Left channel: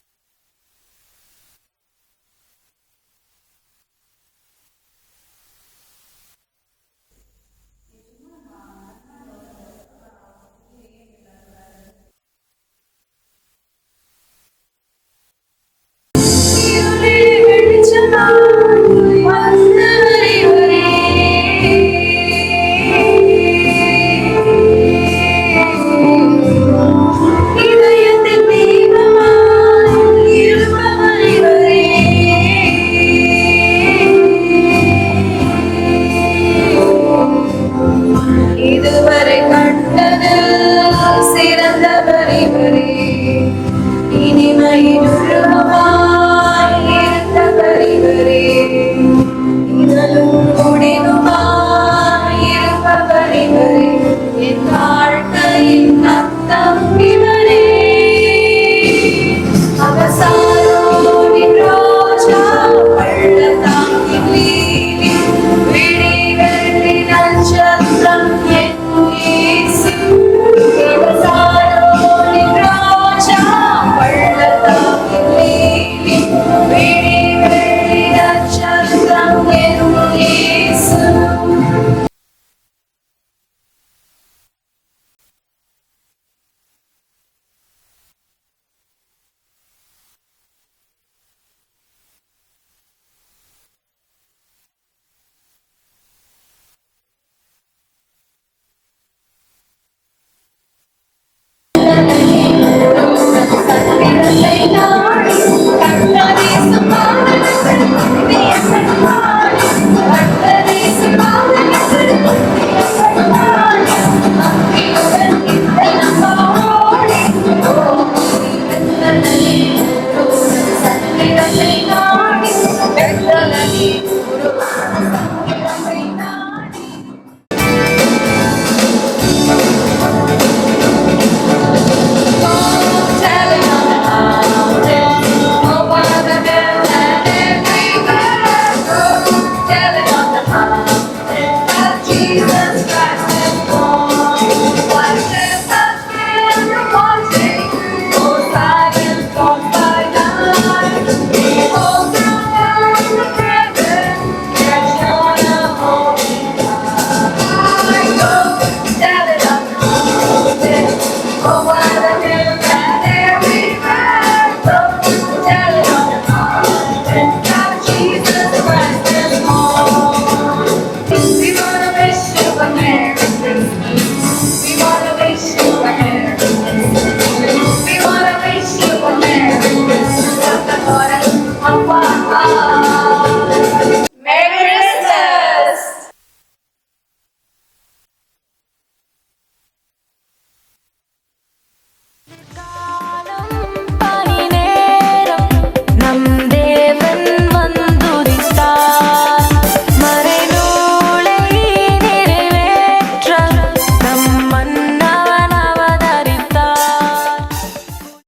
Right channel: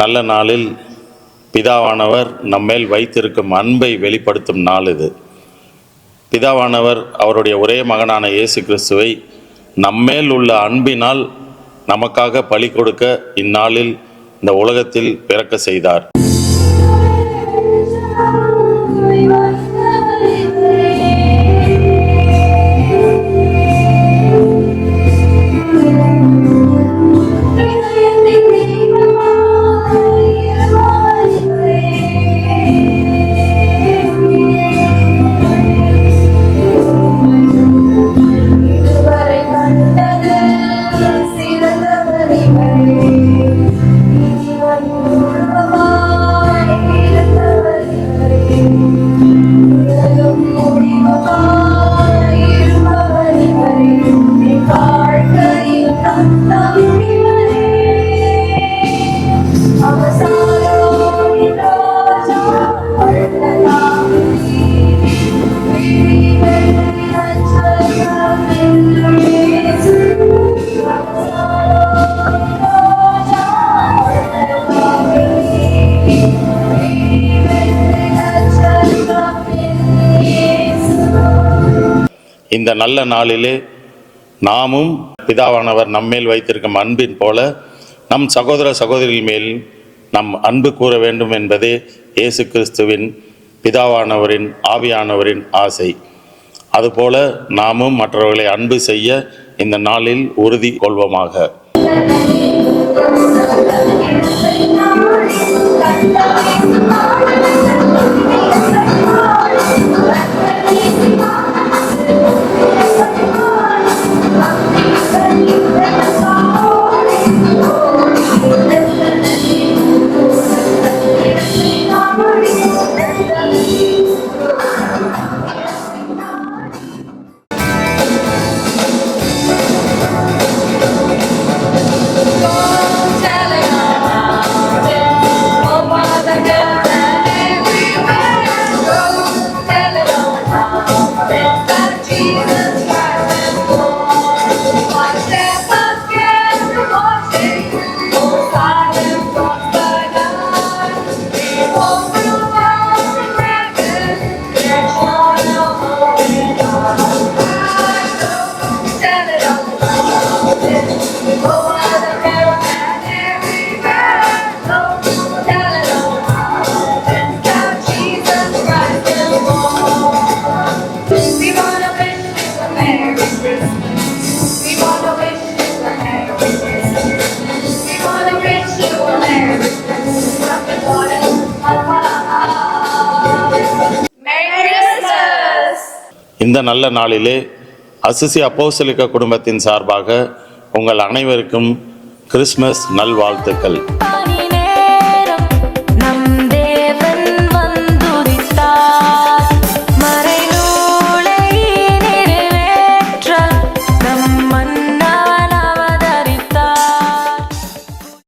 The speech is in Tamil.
நல்ல நாளில் பிதாவானவர் நம்மேல் வைத்திருக்கும் அன்பை வெளிப்படுத்தும் நாள் இது. பிதாவானவர் அவருடைய ஒரே மகனான இயேசு கிறிஸ்துவை நம்மேல் உள்ள அன்பினால் நமக்காக பலி கொடுக்க இந்நாளில் இந்த உலகத்தில் பிறக்க செய்தார். இந்த நல்ல நாளிலே நாமும் பிதாவானவர் நம்மேல் வைத்திருக்கும் அன்பின் போல நம் சகோதர சகோதரிகள் மேல் நம் அன்பு கூற வேண்டும் என்பதே இயேசு கிறிஸ்துவின் பிதாவானவரின் ஆவியானவரின் ஆசை. அதுபோல நாமும் மற்றவர்களை அன்பு செய்ய இந்த நாளில் உறுதி கொள்வோமாக. இந்த நல்ல நாளிலே அசிசி அப்போஸ்தலிக்க குடும்பத்தின் சார்பாக உங்கள் அனைவருக்கும் கிறிஸ்மஸ் நல்வாழ்த்துக்கள்.